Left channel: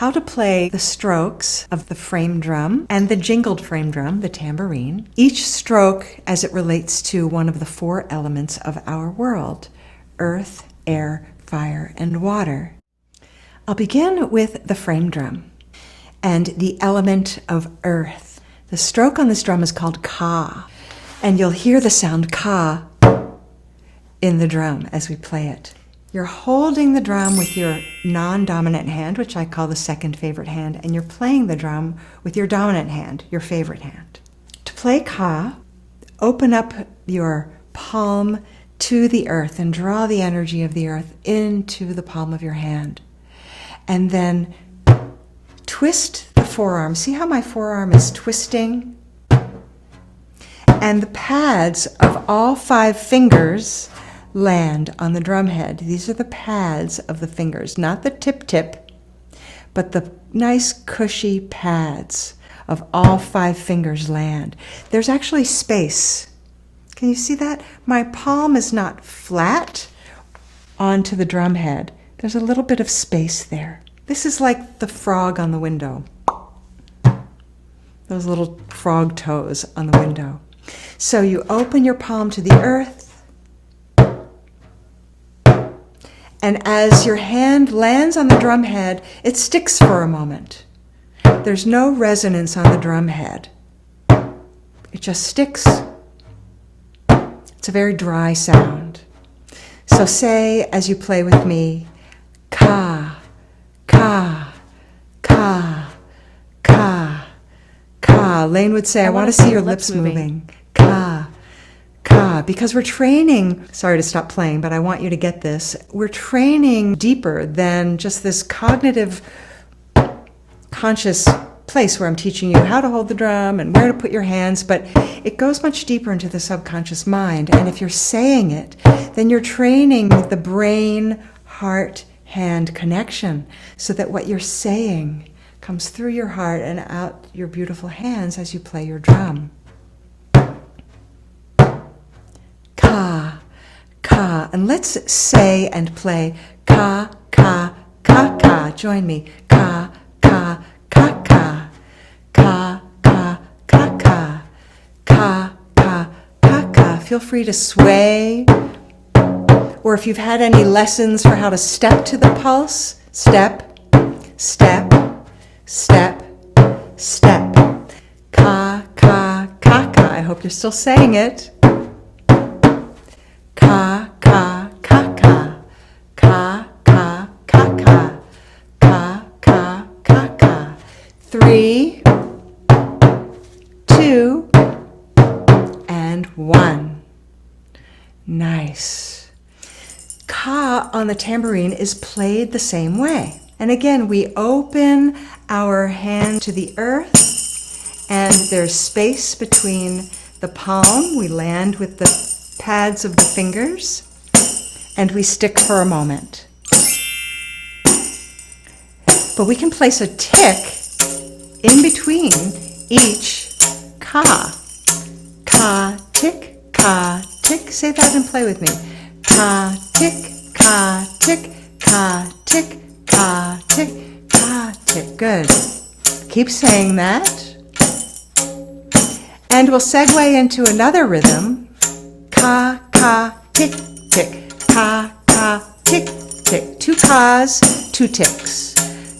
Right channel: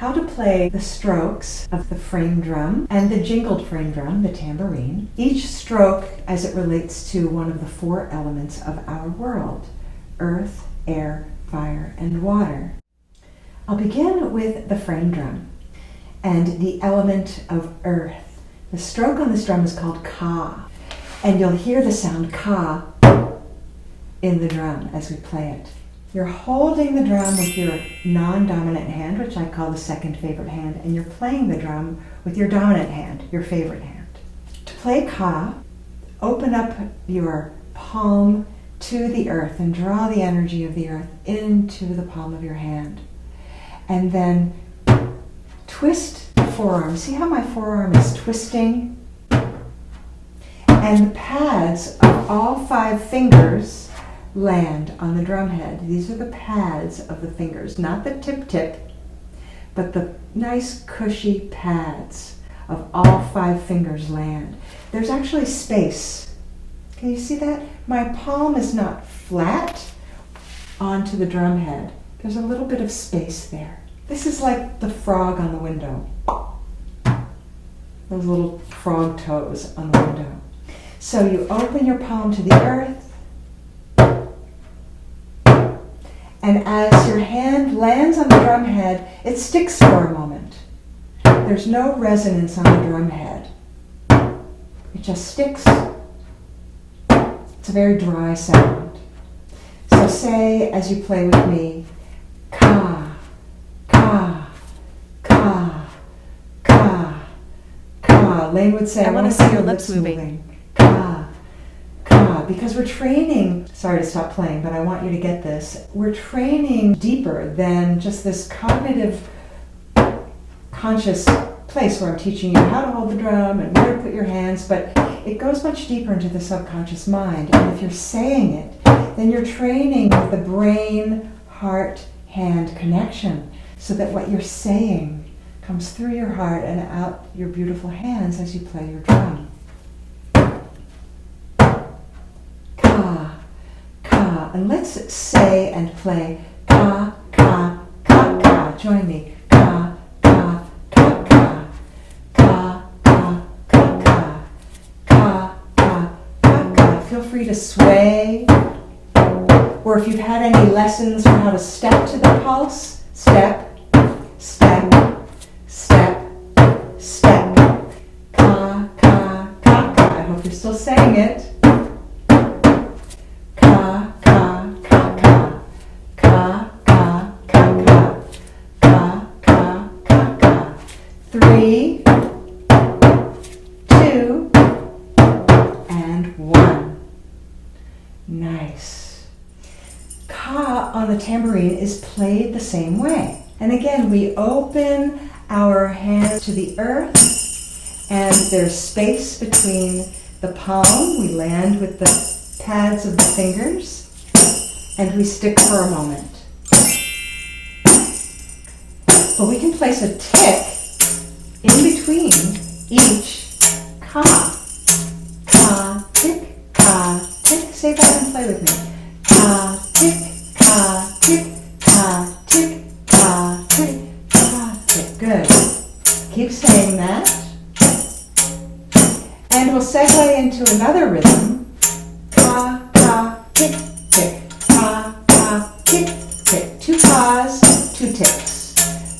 how to play the strokes of the frame drum and the jingled frame drum, the tambourine, each stroke as it relates to one of the four elements of our world: earth, air, fire, and water. I'll begin with the frame drum and the element of earth. The stroke on this drum is called ka, and you'll hear the sound ka in the drum as we play it. You're holding the drum with your non-dominant hand, which I call the second favorite hand, and you're playing the drum with your dominant hand, your favorite hand. To play ka, open up your palm to the earth and draw the energy of the earth into the palm of your hand. And then twist the forearm. See how my forearm is twisting? And the pads of all 5 fingers land on the drum head. These are the pads of the fingers, not the tip, but the nice cushy pads of all 5 fingers land. There's actually space. Can you see that? My palm is not flat onto the drum head. There's a little bit of space there. This is like the frog on the window. Those little frog toes on the window. So you open your palm to the earth, and as your hand lands on the drum head, it sticks for a moment. There's no resonance on the drum head. It just sticks. It's a very dry sound. So say, as you play with me, ka, ka, ka, ka, ka. Layne would say, I want to see your lips moving. Ka, ka. Because we're training, sorry to stop playing, but I want you to get this. We're training deeper than just this cognitive, conscious place where I'm teaching you how to hold the drum and where to put your hands, but it goes much deeper into the subconscious mind. And if you're saying it, then you're training the brain, heart, hand connection so that what you're saying comes through your heart and out your beautiful hands as you play your drum. Ka, ka. And let's say and play ka, ka, ka, ka. Join me. Ka, ka, ka, ka. Ka, ka, ka, ka. Ka, ka, ka, ka. Feel free to sway. Or if you've had any lessons for how to step to the pulse, step, step, step, step. Ka, ka, ka, ka. I hope you're still saying it. Ka, ka, ka, ka. Ka, ka, ka, ka. Ka, ka, ka, ka. 3, 2, and 1. Nice. Ka on the tambourine is played the same way. And again, we open our hand to the earth, and there's space between the palm. We land with the pads of the fingers, and we stick for a moment. But we can place a tick in between each ka. Ka, tick, ka, tick. Say that and play with me. Ka, tick, ka, tick, ka, tick, ka, tick, ka, tick. Good. Keep saying that. And we'll segue into another rhythm. Ka, ka, tick, tick. Ka, ka, tick, tick. 2 kas, 2 ticks.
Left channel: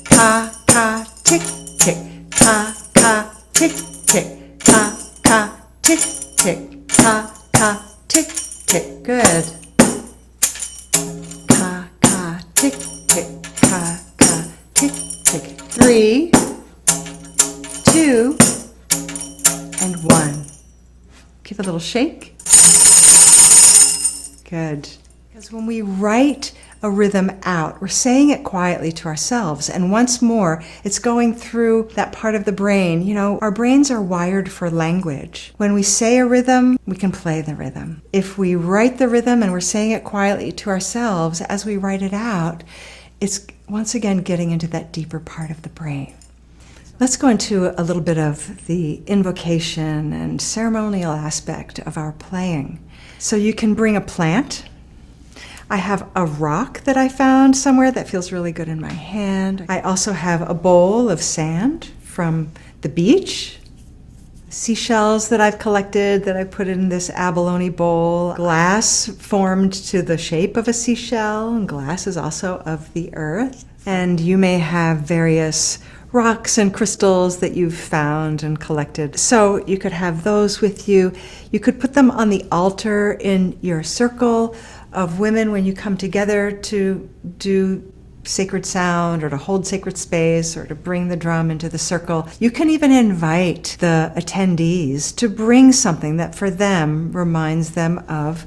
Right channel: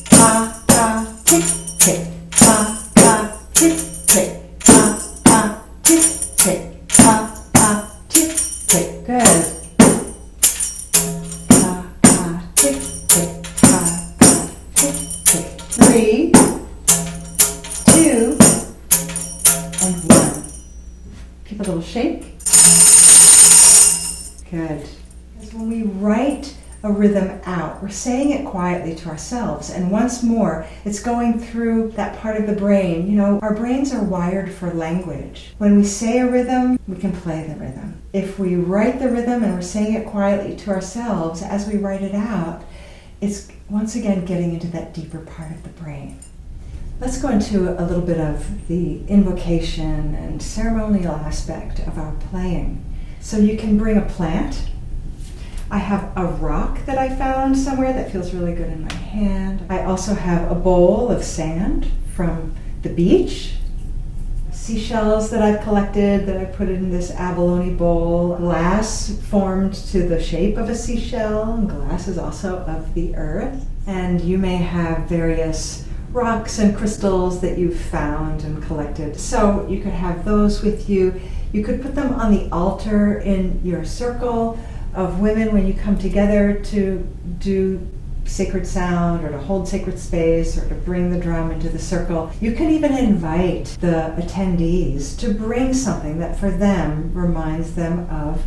Ka, ka, tick, tick. Ka, ka, tick, tick. Ka, ka, tick, tick. Ka, ka, tick, tick. Good. Ka, ka, tick, tick. Ka, ka, tick, tick. 3, 2, and 1. Give a little shake. Good. Because when we write a rhythm out, we're saying it quietly to ourselves. And once more, it's going through that part of the brain. You know, our brains are wired for language. When we say a rhythm, we can play the rhythm. If we write the rhythm and we're saying it quietly to ourselves, as we write it out, it's once again getting into that deeper part of the brain. Let's go into a little bit of the invocation and ceremonial aspect of our playing. So you can bring a plant, I have a rock that I found somewhere that feels really good in my hand. I also have a bowl of sand from the beach, seashells that I've collected that I put in this abalone bowl, glass formed to the shape of a seashell, and glass is also of the earth. And you may have various rocks and crystals that you've found and collected. So you could have those with you. You could put them on the altar in your circle of women when you come together to do sacred sound or to hold sacred space or to bring the drum into the circle. You can even invite the attendees to bring something that for them reminds them of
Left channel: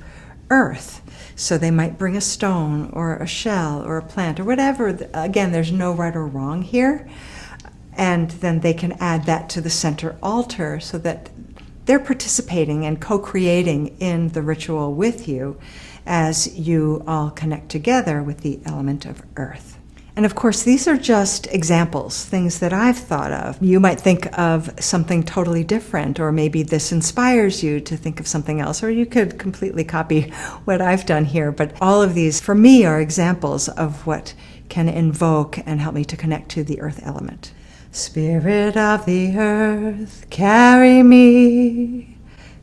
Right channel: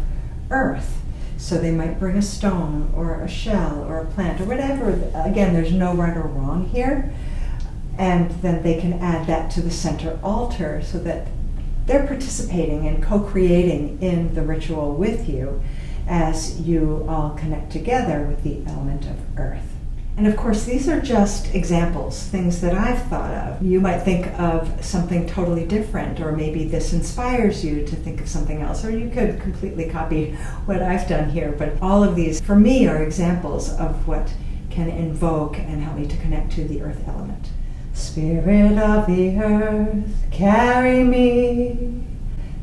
earth. So they might bring a stone or a shell or a plant or whatever. Again, there's no right or wrong here. And then they can add that to the center altar so that they're participating and co-creating in the ritual with you as you all connect together with the element of earth. And of course, these are just examples, things that I've thought of. You might think of something totally different, or maybe this inspires you to think of something else, or you could completely copy what I've done here. But all of these, for me, are examples of what can invoke and help me to connect to the earth element. Spirit of the earth, carry me.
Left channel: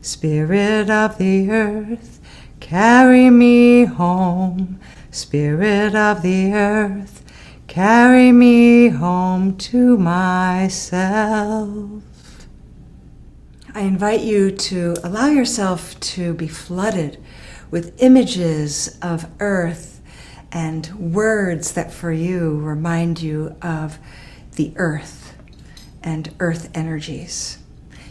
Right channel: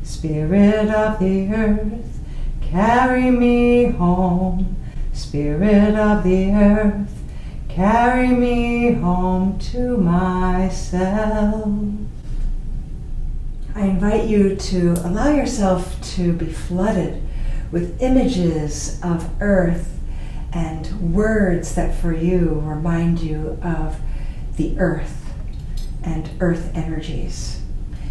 Spirit of the earth, carry me home. Spirit of the earth, carry me home to myself. I invite you to allow yourself to be flooded with images of earth and words that for you remind you of the earth and earth energies.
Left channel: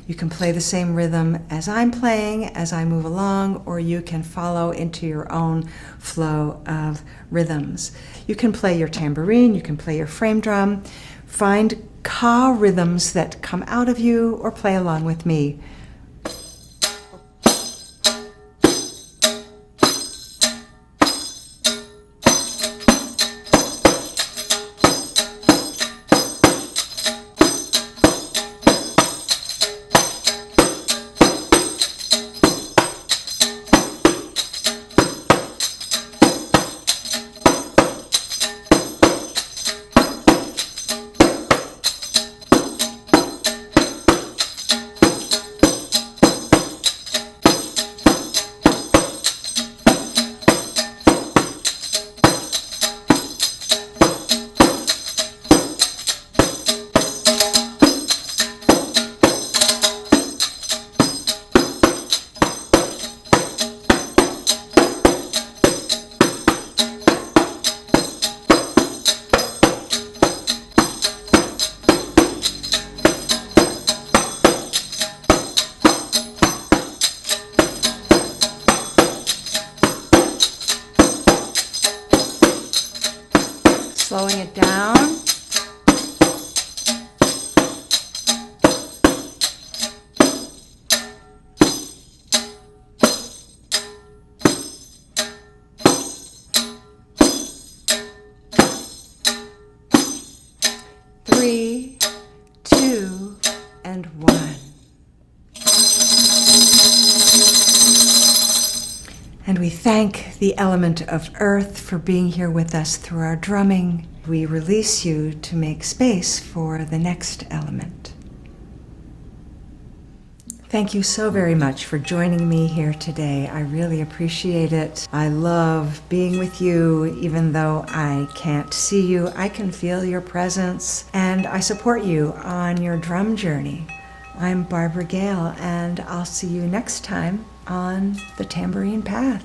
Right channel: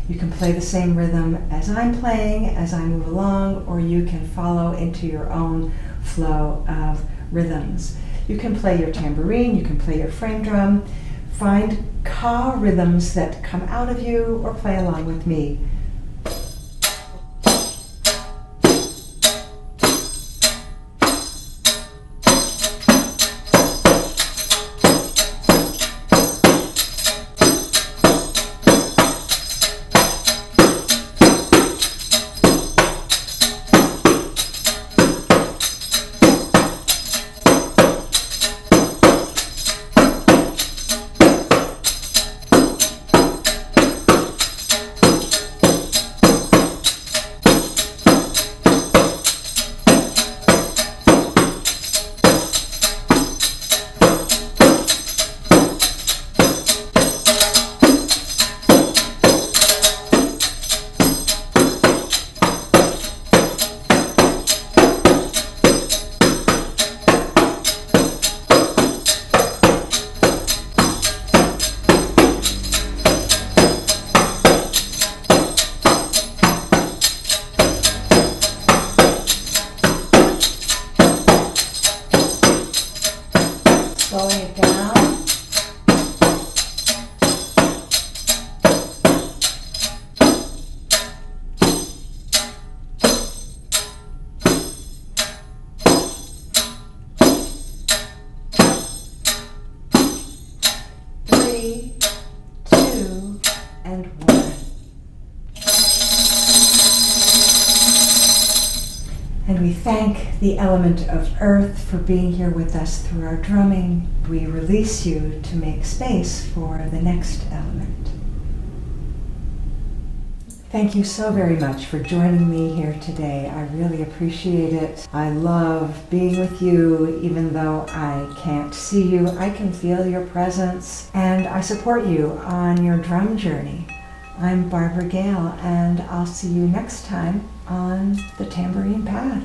You can play the same rhythm as I'm playing as I move along, or you can follow into your own flow of rhythms. You can play your tambourine, you can play your frame drum. Find ka rhythms that come out of you, or play along with me. Slowing it down. Three, two, and one. And we thank the element of earth for being here with us through our drumming. We release you to make space for the next element. Thank you so very much for joining me here today. I really appreciate it. I love being with you. Even though I can't see you, I can feel your presence, and I support you on your drum journey. I'm Barbara Gail, and I'll see you next time on the Tambourine Path.